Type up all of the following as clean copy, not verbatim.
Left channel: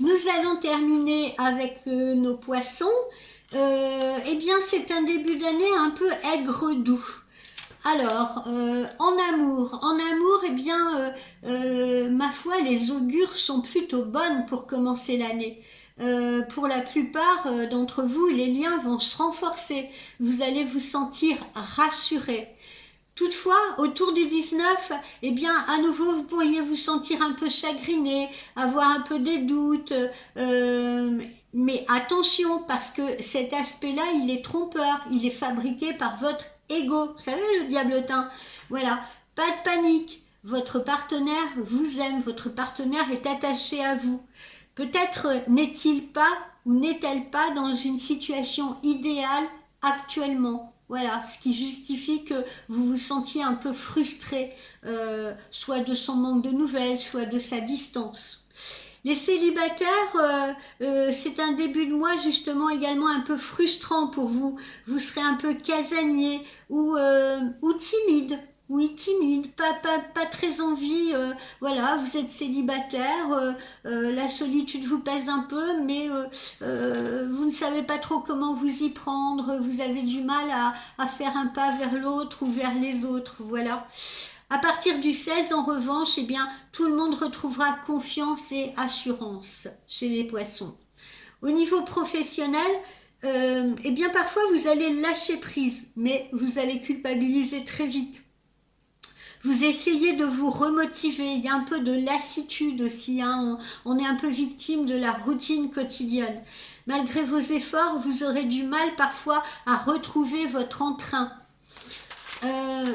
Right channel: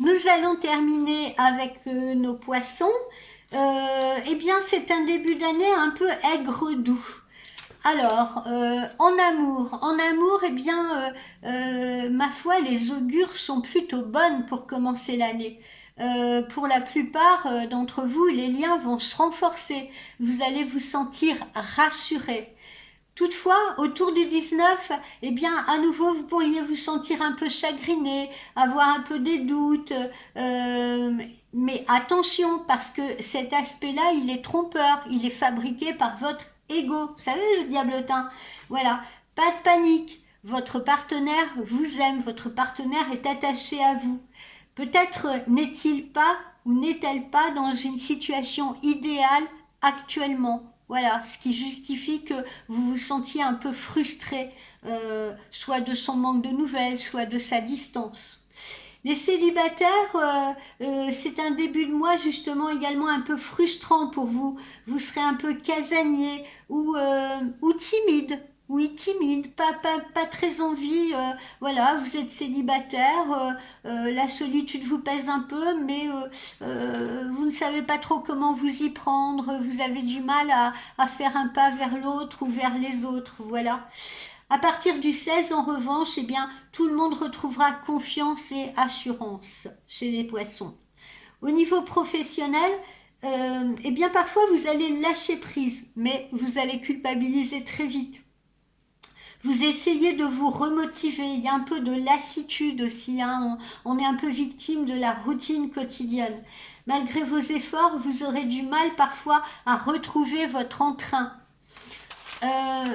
Nous allons terminer avec nos poissons. Eh bien, c'est un début d'année un peu aigre-doux. Alors, en amour, eh bien, ma foi, les augures sont plutôt bonnes pour commencer l'année. Pour la plupart d'entre vous, les liens vont se renforcer. Vous allez vous sentir rassuré. Toutefois, autour du 19, eh bien, à nouveau, vous pourriez vous sentir un peu chagriné, avoir un peu des doutes, mais attention, parce que cet aspect-là, il est trompeur, il est fabriqué par votre ego. Vous savez, le diablotin. Voilà, pas de panique. Votre partenaire vous aime, votre partenaire est attaché à vous. Peut-être n'est-il pas ou n'est-elle pas dans une situation idéale actuellement. Voilà, ce qui justifie que vous vous sentiez un peu frustré, soit de son manque de nouvelles, soit de sa distance. Les célibataires, c'est un début de mois justement également un peu frustrant pour vous. Vous serez un peu casanier ou timide. Oui, timide, pas très envie. Voilà, vous êtes célibataire, la solitude vous pèse un peu, mais vous ne savez pas trop comment vous y prendre. Vous avez du mal à faire un pas vers l'autre ou vers les autres. Voilà. À partir du 16, en revanche, eh bien, tout le monde retrouvera confiance et assurance chez les poissons. Au niveau professionnel, eh bien, parfois vous allez lâcher prise, mais vous allez culpabiliser très vite. Vous essayez de vous remotiver, il y a un peu de lassitude aussi, hein. On est un peu victime de la routine quotidienne. Malgré vos efforts, vous aurez du mal parfois à retrouver votre entrain.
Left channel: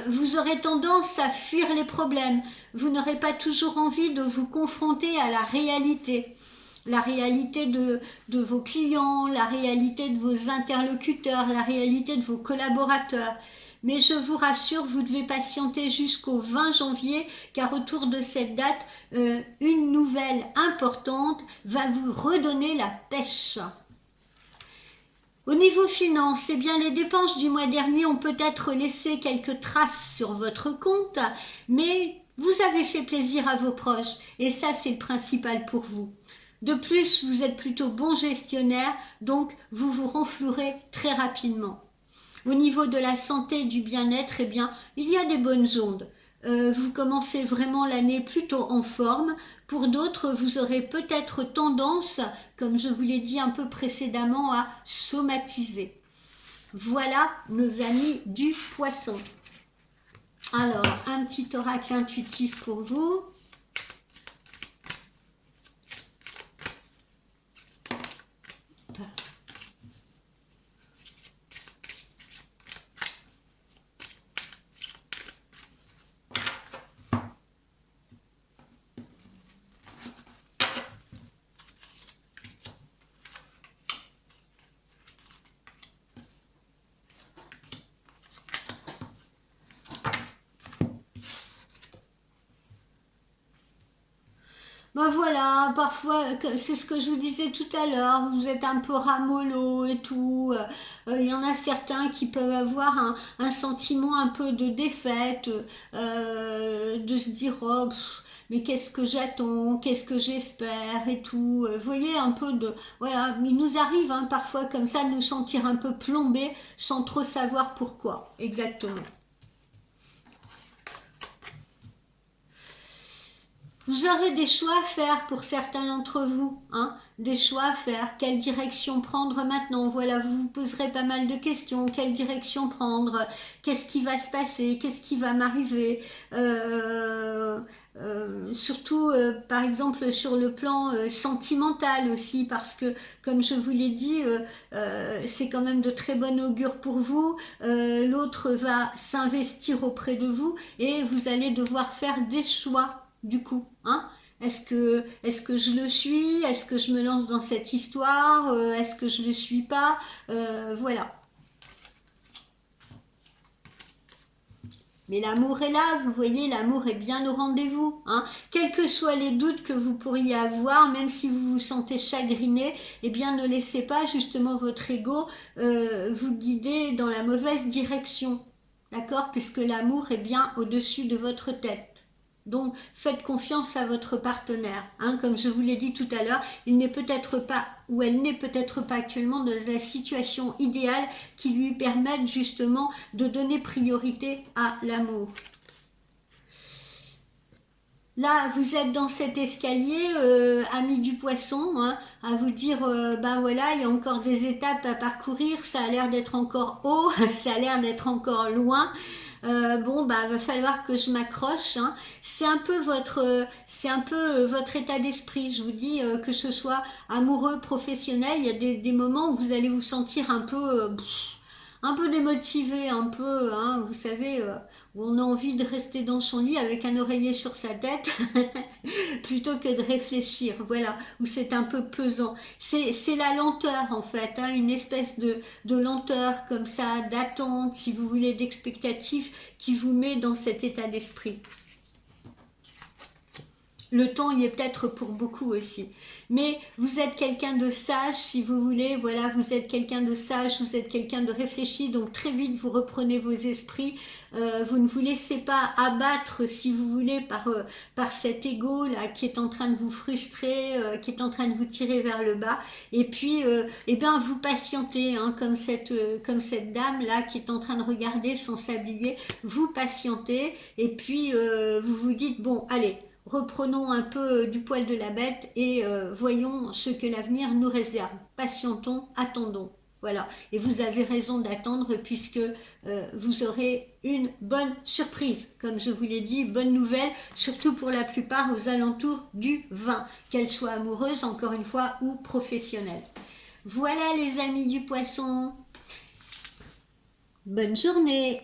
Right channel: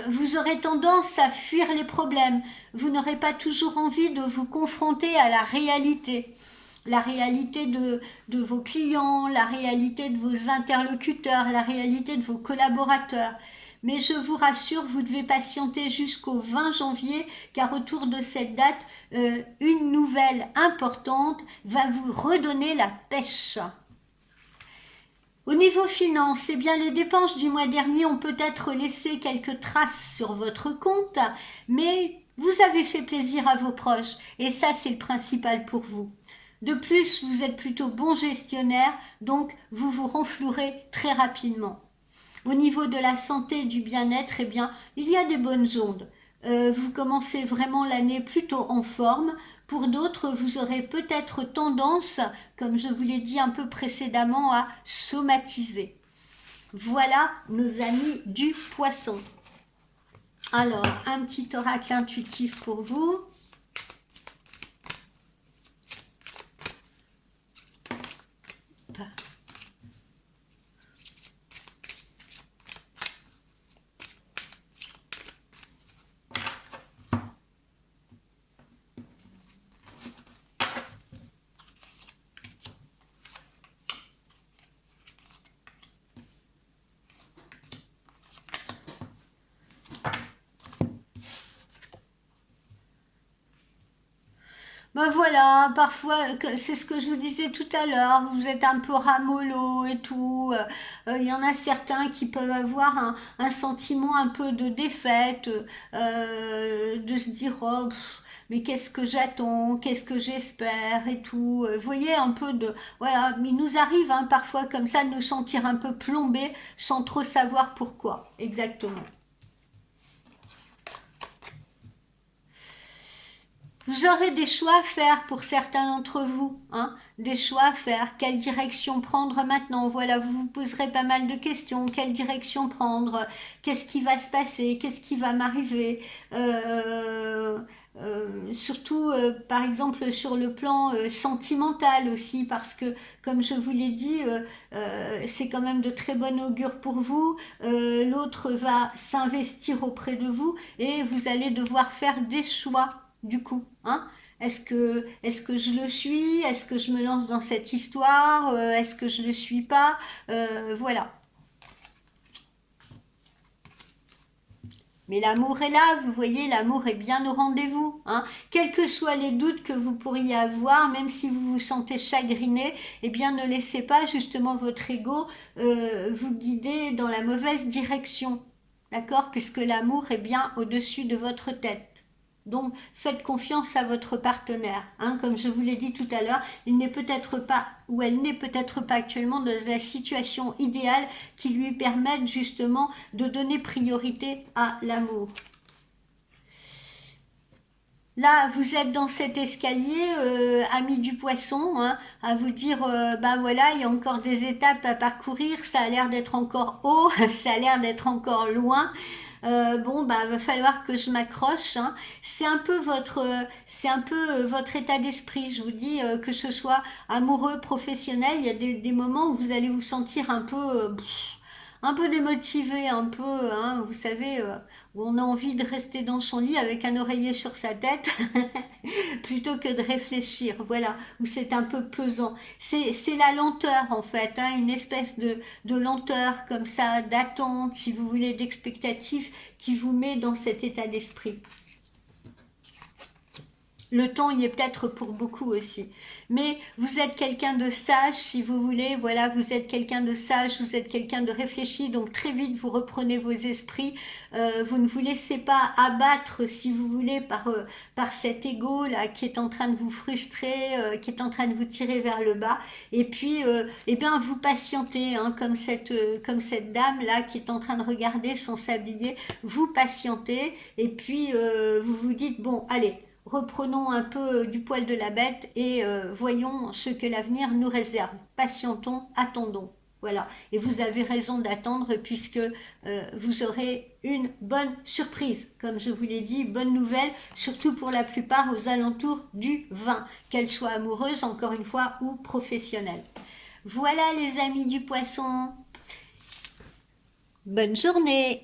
Vous aurez tendance à fuir les problèmes. Vous n'aurez pas toujours envie de vous confronter à la réalité de vos clients, la réalité de vos interlocuteurs, la réalité de vos collaborateurs. Mais je vous rassure, vous devez patienter jusqu'au 20 janvier, car autour de cette date, une nouvelle importante va vous redonner la pêche. Au niveau finance, eh bien, les dépenses du mois dernier ont peut-être laissé quelques traces sur votre compte, mais vous avez fait plaisir à vos proches, et ça, c'est le principal pour vous. De plus, vous êtes plutôt bon gestionnaire, donc vous vous renflouerez très rapidement. Au niveau de la santé et du bien-être, eh bien, il y a des bonnes ondes. Vous commencez vraiment l'année plutôt en forme. Pour d'autres, vous aurez peut-être tendance, comme je vous l'ai dit un peu précédemment, à somatiser. Voilà nos amis du poisson. Alors, un petit oracle intuitif pour vous. Ben voilà, parfois, c'est ce que je vous disais tout à l'heure, vous êtes un peu ramollo et tout. Il y en a certains qui peuvent avoir un sentiment un peu de défaite, de se dire, oh, mais qu'est-ce que j'attends, qu'est-ce que j'espère et tout. Vous voyez, un peu de... Voilà, il nous arrive hein, parfois comme ça de nous sentir un peu plombés sans trop savoir pourquoi exactement. Vous aurez des choix à faire pour certains d'entre vous, hein, des choix à faire. Quelle direction prendre maintenant? Voilà, vous vous poserez pas mal de questions. Quelle direction prendre? Qu'est-ce qui va se passer? Qu'est-ce qui va m'arriver? Surtout, par exemple, sur le plan sentimental aussi, parce que, comme je vous l'ai dit, c'est quand même de très bon augure pour vous. L'autre va s'investir auprès de vous et vous allez devoir faire des choix du coup, hein. Est-ce que je le suis? Est-ce que je me lance dans cette histoire? Est-ce que je le suis pas? Voilà. Mais l'amour est là, vous voyez, l'amour est bien au rendez-vous, hein. Quels que soient les doutes que vous pourriez avoir, même si vous vous sentez chagriné, eh bien ne laissez pas justement votre ego vous guider dans la mauvaise direction, d'accord? Puisque l'amour est bien au-dessus de votre tête. Donc, faites confiance à votre partenaire. Hein, comme je vous l'ai dit tout à l'heure, il n'est peut-être pas, ou elle n'est peut-être pas actuellement dans la situation idéale qui lui permette justement de donner priorité à l'amour. Là, vous êtes dans cet escalier, ami du poisson, hein, à vous dire, ben voilà, il y a encore des étapes à parcourir, ça a l'air d'être encore haut, ça a l'air d'être encore loin. Bon, bah, va falloir que je m'accroche. Hein. C'est un peu votre état d'esprit. Je vous dis que ce soit amoureux, professionnel, il y a des moments où vous allez vous sentir un peu démotivé, un peu, hein, vous savez, où on a envie de rester dans son lit avec un oreiller sur sa tête plutôt que de réfléchir, voilà, où c'est un peu pesant. C'est la lenteur en fait, hein, une espèce de lenteur comme ça, d'attente, si vous voulez, d'expectative qui vous met dans cet état d'esprit. Le temps y est peut-être pour beaucoup aussi. Mais vous êtes quelqu'un de sage, si vous voulez, voilà, vous êtes quelqu'un de sage, vous êtes quelqu'un de réfléchi, donc très vite vous reprenez vos esprits, vous ne vous laissez pas abattre, si vous voulez, par cet ego là qui est en train de vous frustrer, qui est en train de vous tirer vers le bas, et puis, eh bien, vous patientez, hein, comme cette dame là qui est en train de regarder sans s'habiller, vous patientez, et puis vous vous dites, bon, allez, reprenons un peu du poil de la bête et voyons ce que l'avenir nous réserve. Patientons, attendons. Voilà. Et vous avez raison d'attendre puisque vous aurez une bonne surprise. Comme je vous l'ai dit, bonne nouvelle, surtout pour la plupart aux alentours du 20, qu'elle soit amoureuse, encore une fois, ou professionnelle. Voilà les amis du poisson. Bonne journée.